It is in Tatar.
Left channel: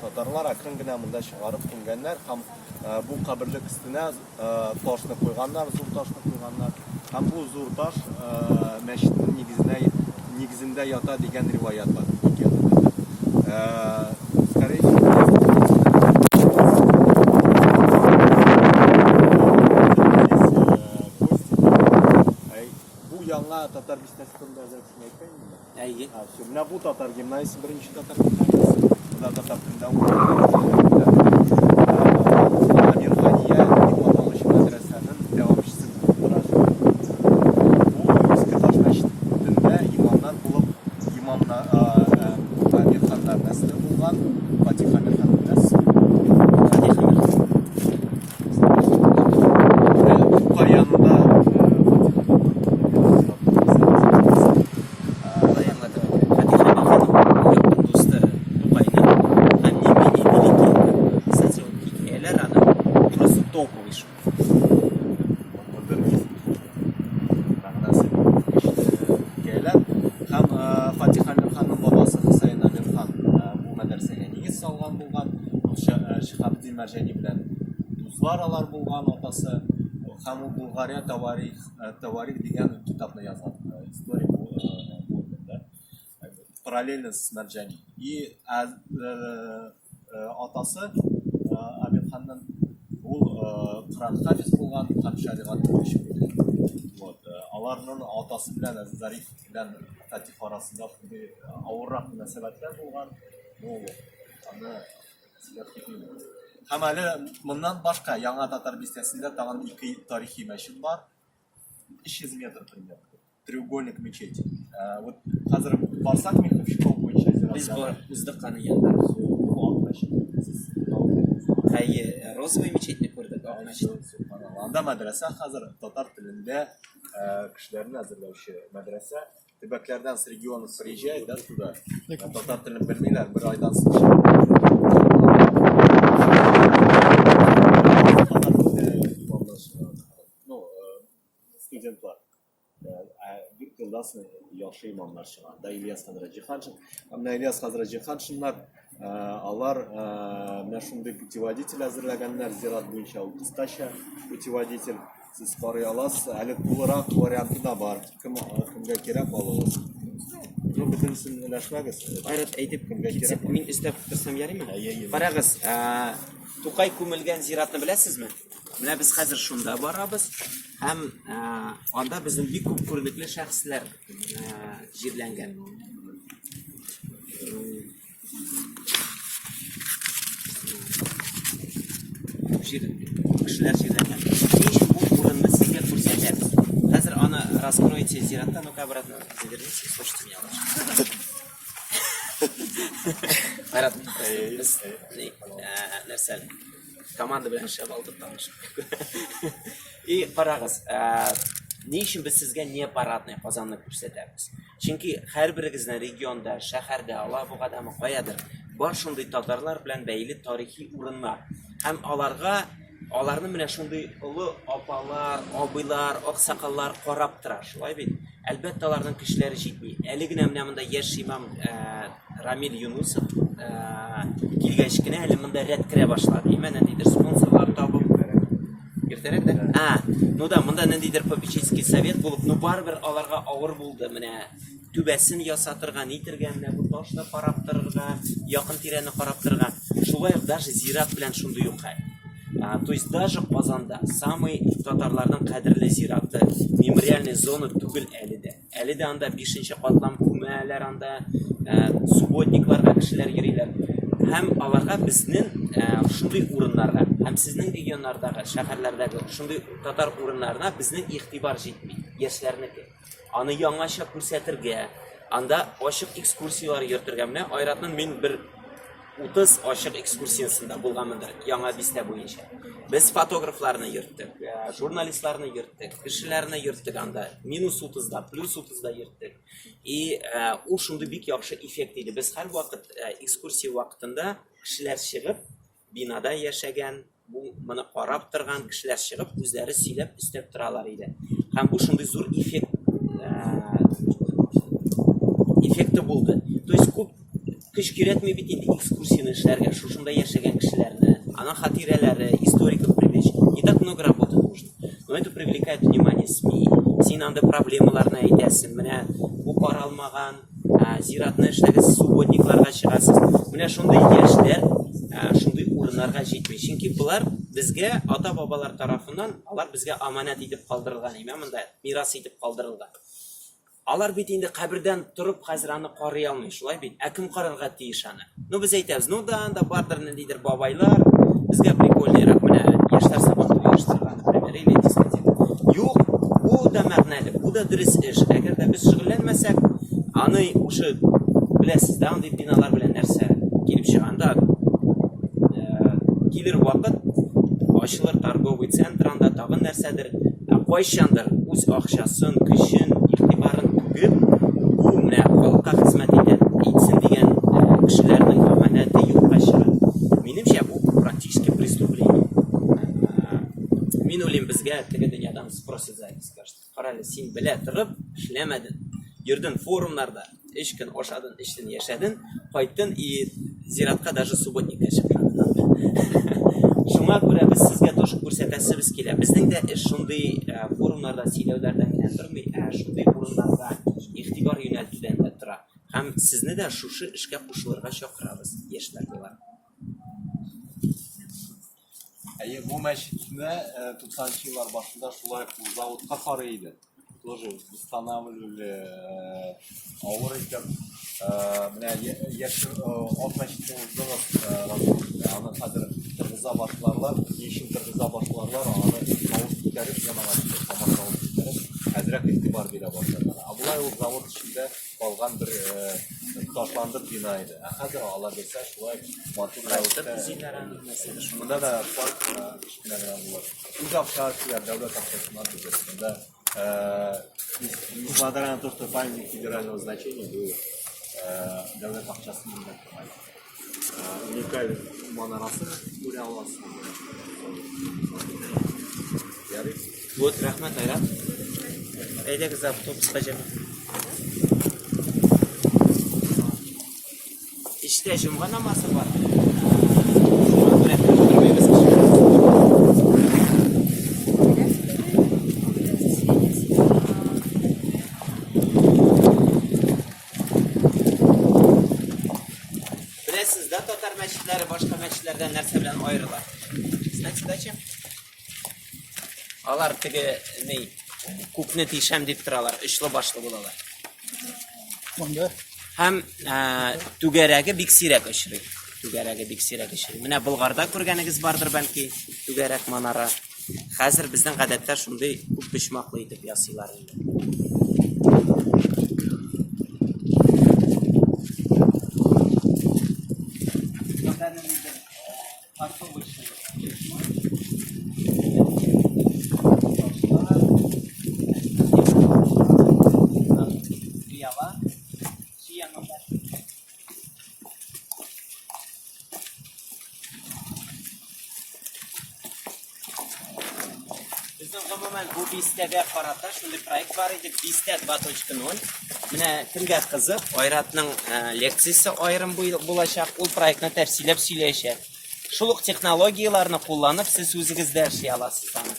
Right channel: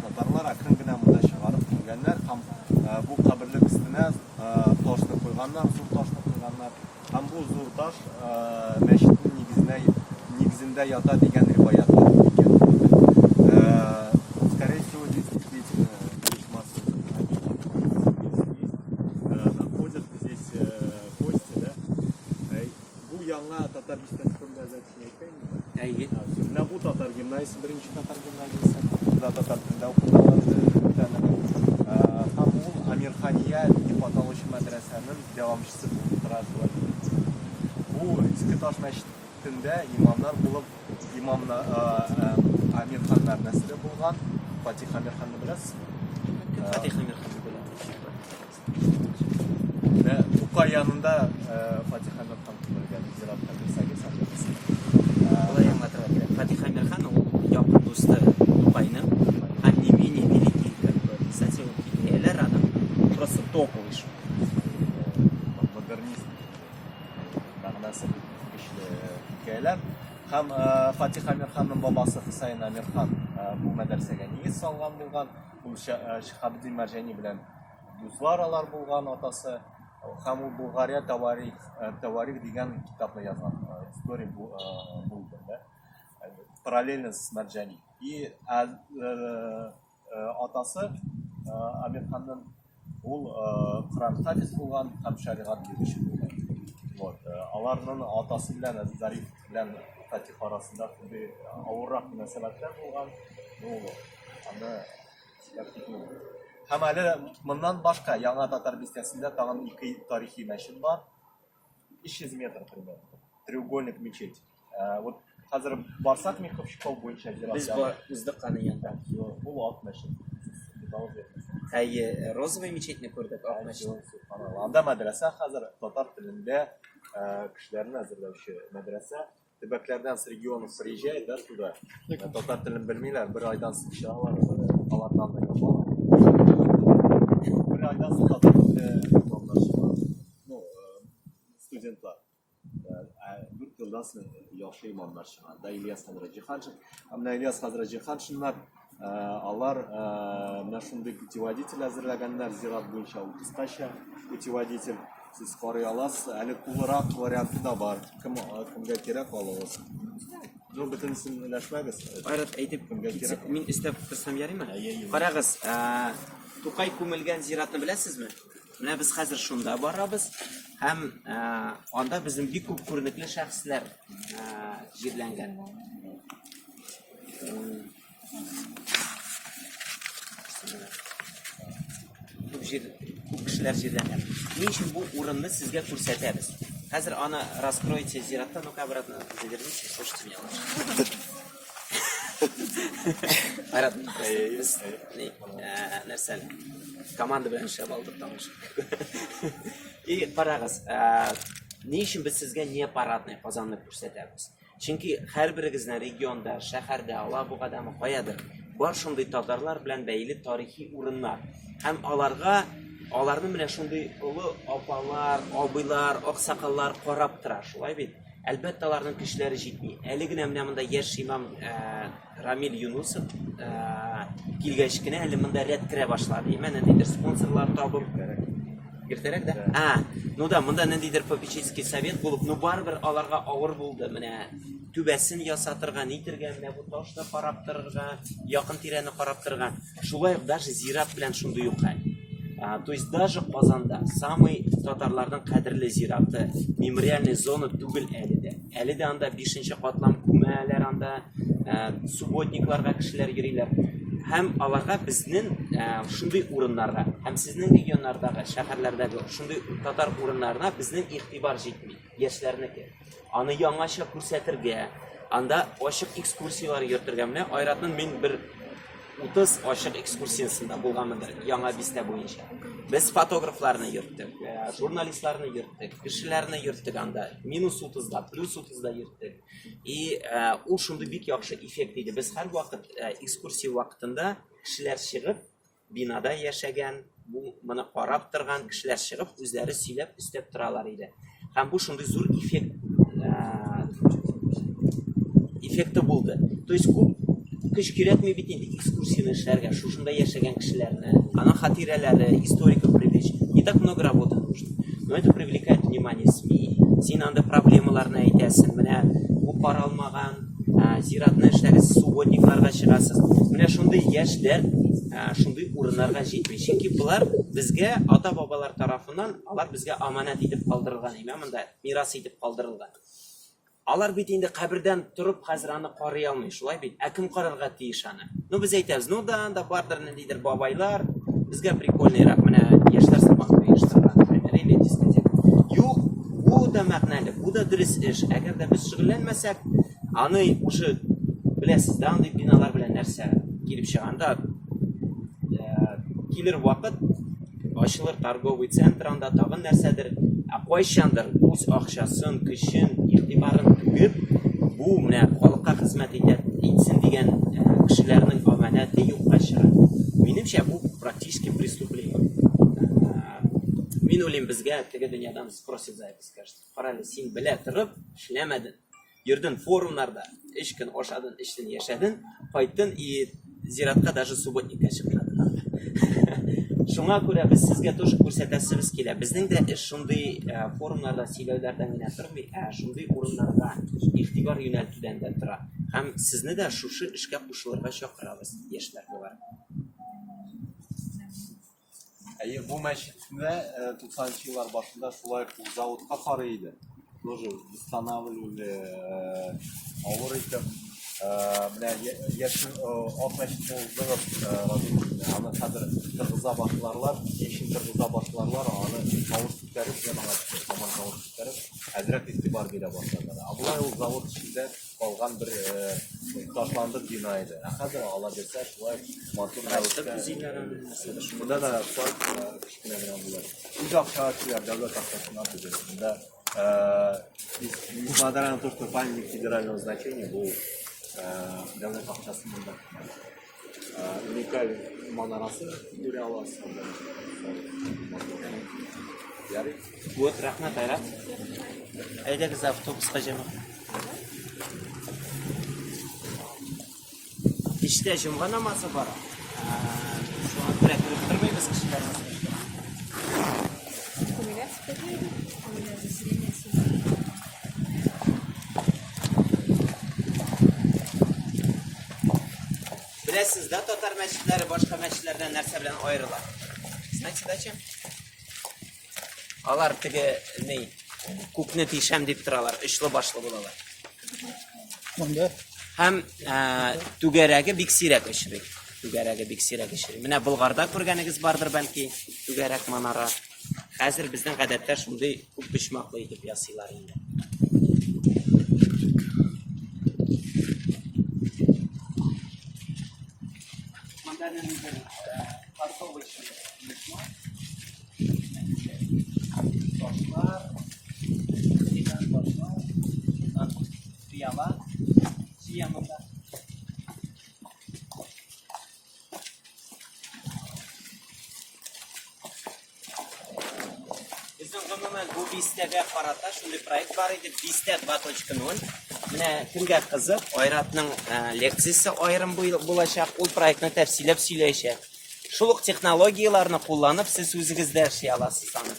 Татарлар акрын гына монда чыгарып килгәннәр һәм бу каберлек өстенә ташны куйганнар, зур ташны куйганнар. Һәм бу зур таш мәчетнең нигезендә ята дигән риваят бар икән. Скорее всего, bu яңа татар бистәсендә әзерләнгән икән. Әйе. Менә бу татар гимназиясе, беренче татар гимназиясе. Татар телендә Амирхания дип аталучы мәдрәсәнең дәвамчысы булып тора. Бу Иске Таш мәчетендә имамнар булып, Амирханнар нәсле булган, Фатих Амирхан беләс. Каянда Фатих Амирханның бабасы Хусейн Амирхан бу мәдрәсәгә нигез салган булган. Ул Шихабдин Мәрҗани белән дуслар алар булган атасы. Һәм ул Булгария Таварих дигән китапны язган. История булды да. Параллельно с Мәрҗани. И атасы Амирханның ул Коръән хафиз булган һәм шәригать белгече булган. Вот. Аларның атасы белән Зариф белән Фатих арасында шундый авыррак мөнәсәбәтләр булган. Аны һәм әле моннан башка яңа татар бистәсендә тагын 2 тарихи мәчет бар. 300 метр примерно. Треугольник мечеть. Вот хәзер барсак Миховщиков буенча Без уздык аны янда. Бу ак мәчет. Әйе, розовый мечетне күрдек, ак мәчет. Анда мәдрәсә хәзер татар телендә кешеләрне әзерләүче мәдрәсә. Төбәкләрдән с регионов приезжает, да, туда. Татар телен белмиләр, бер айдан соң. Ну, студентлар. 4 елдан соң яхшы имамнар чыган. Да, Ильяс Хазраҗиханшин. Менә Ильяс Хазраҗиханшиннар, алар менә шундый путеводитель әзерләгәннәр, зират буенча ул кыскача путеводитель. Siz карый аласыз, әле тулырак варианты да бар. Кемгә кирәк алыгыз? Ну, бөтенсен өләшмәгез. Айрат әйтеп, мин өстәп торсам ярыймы? Карагыз, Тукай күмелгән зиратны беләсезме? Менә без хәзер шунда барабыз. Һәм анда безнең бик күп күренекле шәхесләр җирләнгән. Кешеләр җирләнгән. Ничек бу урынны сезгә күрсәтәбез? Хәзер аны раскройте зиратта, ну-ка обратно заверните, слушайте меня лучше. Айрат, без нәрсәле? Команда белән эшләп алдык тамыш. И карагыз, ни өчен без сезгә не парадный Казанны күрсәтәбез? Чөнки һәрберегезнең регионда, шәһәрдә, Алабугадамы, каядыр бар шундый татарлар белән бәйле тарихи урыннар. Һәм аларны менә шундый олы апалар, абыйлар, аксакаллар карап тора, шулай бит. Әлбәттә аларның кешеләре җитми. Әле генә менә монда яшь имам Рамил Юнусов килгәч кенә әле монда рәт керә башлады. Менә нидер спонсорлар табып иртәрәк дә. Ну да, монда ниндидер попечительский совет булып, ну барбер аларга авыр булды. Менә түбәсен ясатырга, нитергә, менә бу ташны карап торырга, якын тирәне карап торырга. Шулай ук даже зират белән шундый юк хәл. То есть даже Казанда самый татарларның кадерле зираты, мемориальный зона түгел әле дә. Әле дә анда 5нче катлам күмәләр, анда субботникларга кешеләр йөриләр. Һәм аларга безнең шундый урыннарга, һәм сезнең регионнардагы, шәһәрләрдәге шундый татар урыннарына безнең игътибар җитми, яшьләрнеке. Аны яңача күрсәтергә, анда ачык экскурсиялар йөртергә. Менә Айратның мин бер 30 ачык экскурсиясында булганмындыр, яңа бистә буенча. Без фотографларны йөрттек, журналистларны йөрттек, кешеләрне йөрттек анда, -30да, +30да йөрттек. И ул шундый бик яхшы эффект иде. Без һәр вакыт экскурсия вакытында кешеләр чыгып, бинада яшәгән, моны карап торган кешеләр чыгып, үзләре сөйләп, өстәп торалар иде. Һәм бу шундый зур эффект эффекты болды. То есть күп күш киретмей бит инде экскурсияны эшләргә, шушында яшәгән кешеләрне, аның хатирәләре, историков привлечь. Не так много работы нужно. Но это привлекает внимание СМИ. Син анда проблемаларны әйтәсең. Менә бу каралмаган зиратны эшләгез, субботникларга чыгасыз. Менә шундый яшьләр, шундый урыннарга җитми. Чөнки булар безгә ата-бабалар тарафыннан, алар безгә аманат итеп калдырылган, монда мирас итеп калдырылган. Алар бит инде кабердән торып хәзер аны карый алмый, шулай бит. Кем карарга тиеш аны? Ну без әйтәбез, ну да анда бардыр ниндидер бабайлар, безгә прикольныйрак менә яшьләр сабагы оештырган, например, или дискотека. Юк, бу да мәгънәле, бу да дөрес эш. Әгәр дә без шөгыльләнмәсәк, аны ушы беләсез да, андый биналар белән нәрсә килеп чыганда, килер вакыт ачылыр торговый центр, анда тагын нәрсәдер, кайчандыр үз акчасын, көчен, игътибарын түгеп, бу менә халыкка хезмәт итсен дигән кешеләрнең аманаты юкка чыга. Минемчә, бу практически преступление. Мин уйлыйм, безгә теге дөньядан спросит за это, скажет. Карале, син белә торып эшләмәдең. Йөрдең форумнарда, 3 көн ашадың, эчтең, яшәдең, кайттың и зиратка даже субботникка чыкмадың. Шуңа күрә без сезгә тоже күрсәтәсебез килә. Безнең дә эш шундый форумнарда сөйләүләрдән генә тормый, шундый урыннарда игътибар юнәлтүдән дә тора. Һәм сезне дә шушы эшкә кушылырга чакырабыз, яшьләр булар. Бу мәчетне 90-нчы еллар башында шулай заводка карый иде. Тоже устанавливали авыр итеп. Менә яшь ат мәчетне уздыгыз, аны хәзер тыргыза башларлар, ничек тыргыза башларлар, аны тавыш күтәреп, янага тамашалап күтәреп, хәзрәк игътибар бирә башладылар. Абулай ул завод эчендә калган бер ташландыр бина иде. Хәзер алар дисә, шулай матур рәвештә. Монда да парк кичкенә генә була. Үз акча дәүләт акчасына түгел. Монда несмотря на то, что памятник федерального значения, был дәүләт акчасында уникаль манарасы күрә аласыз. Ярый. Вот, рәхмәт, Айрат. Әйдәгез автобуска җыгып. Кичтә җомга намазы бар. Шуңа күрә тормыйбыз кешеләр. Беләсез да, татар мәчетләре башка мәчетләрдән нәрсә белән аерыла? Знаете, дача? Алар теге ни, күпне тишәм дип торалар, очлы башлы булалар. Монда Һәм түгәрәге бик сирәк очрый. Түгәрәге бик сирәк очрый. Менә Болгарда күргәнегез бардыр бәлки, түгәрәк манара. Хәзер безнең гадәттә шундый күп почмаклы итеп ясыйлар инде. Безнең гомумән бу бистәгә карата шундый проект бар иде, бистә 2.0. Менә кемгә кызык, Айратның лекциясе аерым булачак, ул проектны тәфсилләп сөйләячәк. Шул ук технологияларны кулланып, сез үзегез дә эшли аласыз аны.